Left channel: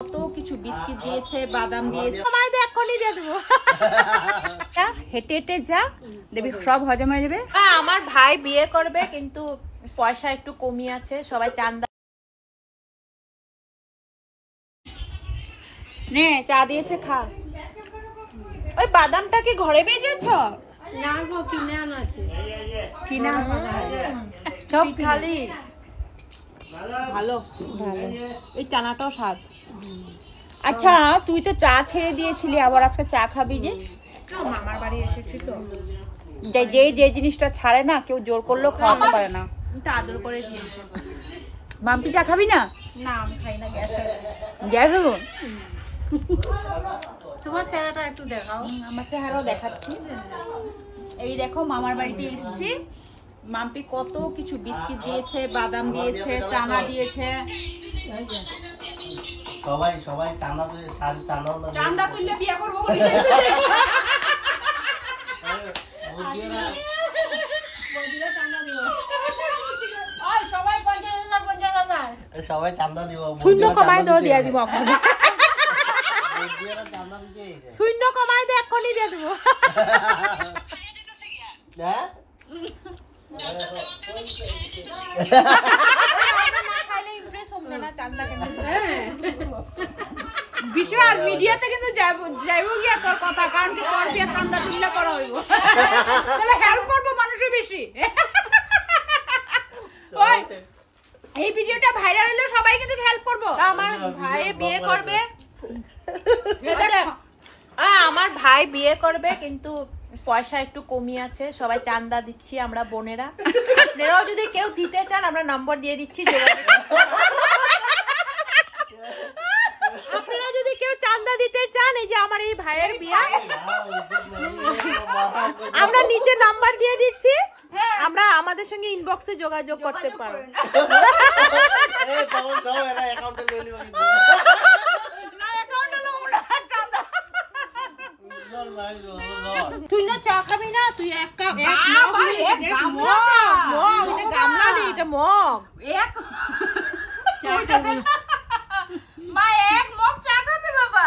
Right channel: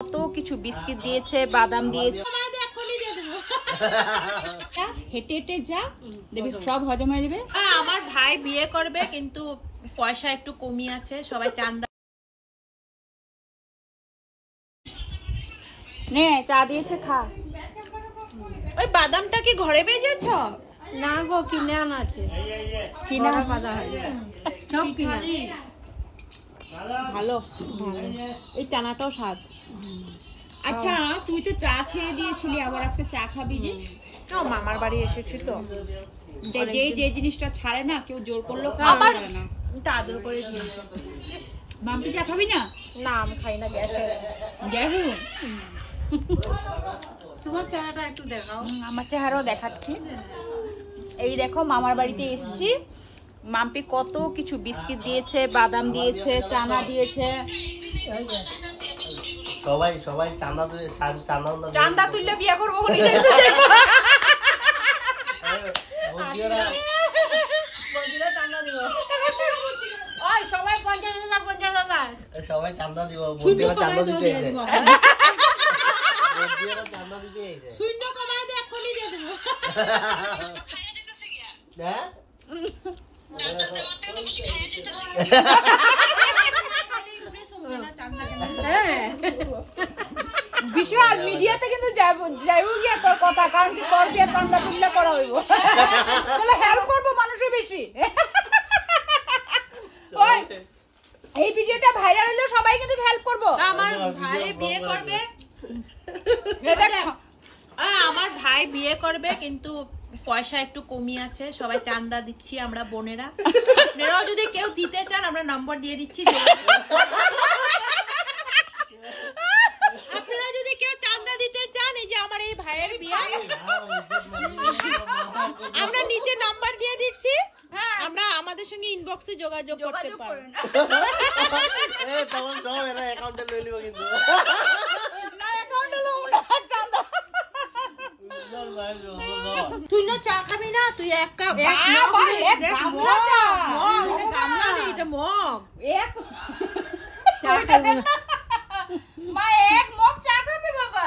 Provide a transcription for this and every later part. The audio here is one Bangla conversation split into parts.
কত কিছু বিস্কিট দিয়েছে, বাদাম দিয়েছে। সময় দে, এখনই দিয়ে দেব। হেঁটে হেঁটে যা, দেখবি সব হজম হয়ে যাবে। হ্যাঁ, আমার ভাই বিয়ে করবে, কিন্তু পয়সা একটু কমই আছে, সবাই চান্দা নে। চা দিয়েছে, খা। ওই বাদামটা কি ঘরে ভেজেছ? না গো, কিনে আনাছে। কিনা বাদাম সব খালি। ভালো ভালো, এই চানাটাও স্বাদ। আচ্ছা, তুই তো চা ছেড়ে দিয়েছিলি, আবার আজকে চা খাবি যে? মামার বাড়ি এসেছি তো, যে জিনিসটা ছাড়ে না কেউ জোর করলেও খাওয়াতে পারে না। আদর করে দিয়েছে। মাম্পি চা খাবি না? না, আমি খাই না, গ্যাস হবো। তোমার চেহারাটা একটু দেখাও। আমার চেহারাও দেখাচ্ছি। এই দেখো, মামার বাড়িতে এসেছি। মাম্পি কত কিছু বিস্কিট দিয়েছে, বাদাম দিয়েছে, চানা দিয়েছে। সবাই চাঁদা তুললে বিয়ে করবো। সবাই চাঁদা দিব, শূন্য কমাই দিয়ে দিব। শূন্য কমাই দিয়ে এখনই দিয়ে দিব। বিশাল মিডিয়াতে কিন্তু যাইব গিয়া তোর কথা, কারণ কি তোর বিয়ে চান্দা তুললে করা হইব। হেল্প করবো মানুষের বেশি। এই ভিডিওটা ভাইরাল হলে সবাই কিন্তু হেল্প করবো। আমার ভাই বিয়ে করবে, আমার ভাই বিয়ে করবে, কিন্তু পয়সা একটু কমই আছে, সবাই চান্দা দিচ্ছি আমরা বোনেরা। আপনারাও যদি কেউ দিতে চান, আমরা নম্বর দিয়ে দিচ্ছি। আপনারা যদি কেউ চান্দা দিতে চান, এই যে আমার এই ভাইয়ের বিয়ে, আমরা নিচে নাম্বার দিয়ে দিচ্ছি, আমরা আমাদের সঙ্গে ইনবক্সে যোগাযোগ করতে পারবো। তুই না চা খাবি না? তুই এক কাপ মগ চা খাবি না? মা এক মগ চা খাবে বাবা?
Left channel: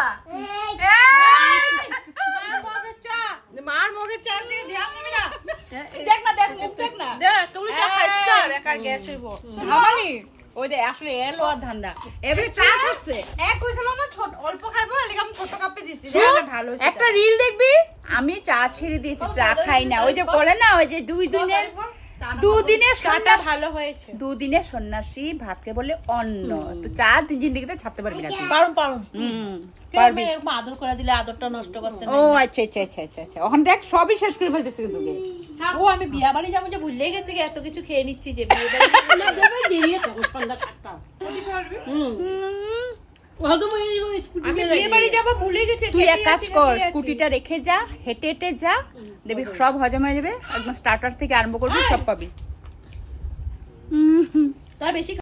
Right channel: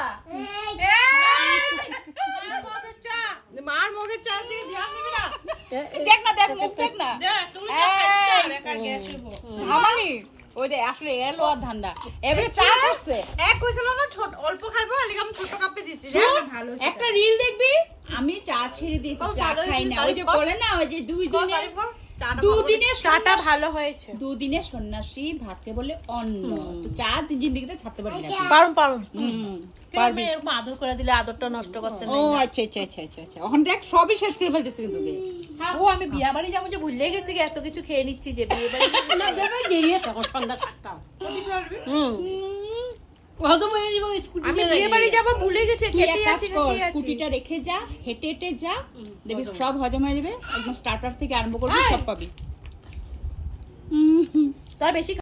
মার মগের চা দিয়ে ধ্যান দিবি না? দেখ না, দেখ মুখ দেখ না। তুমি চা খাইছো, বেকার গ্যাস হইব। আমানি ওই দে আসলে এলো আর ধান্দা। এবারে চা করছে। এক কইছিল না ছোট অল্প খাইবো, লাগি আমি ছোট কাপে দিছি। ভালো একটা রিল দেখবি, আমি চা ছেড়ে দিয়েছি, চা খাই না। ওই যে বলে না, ওই যে দুদিনের চাটা ভালো হয়েছে। দুদিনের সন্ন্যাসী ভাতকে বলে অন্ন। তো চা জিন্দেগিতে ছাড়তে পারবি না। পারুম। পারবি, আদর করে দিলে আদরটা নষ্ট করতে না। ও আচ্ছা। এখন দেখ সবই শেষ করে ফেলতেছে কিন্তু। ও আমি বিয়া বাড়ি যাবো যে ভুলেই গেছি, এত কিছু খেয়ে নিচ্ছি যে বিয়ে বাড়ি সন্ধ্যা 7টা। আমি বিয়ে বাড়ি যাবো ভুলে গেছি। তুই এক কাজ কর, স্কুটিটা রেখে যা, হেঁটে হেঁটে যা, দেখবি সব হজম হয়ে যাবে। একদম স্টার্টার থেকে আরম্ভ করবি, সব পাবি। তার বেশি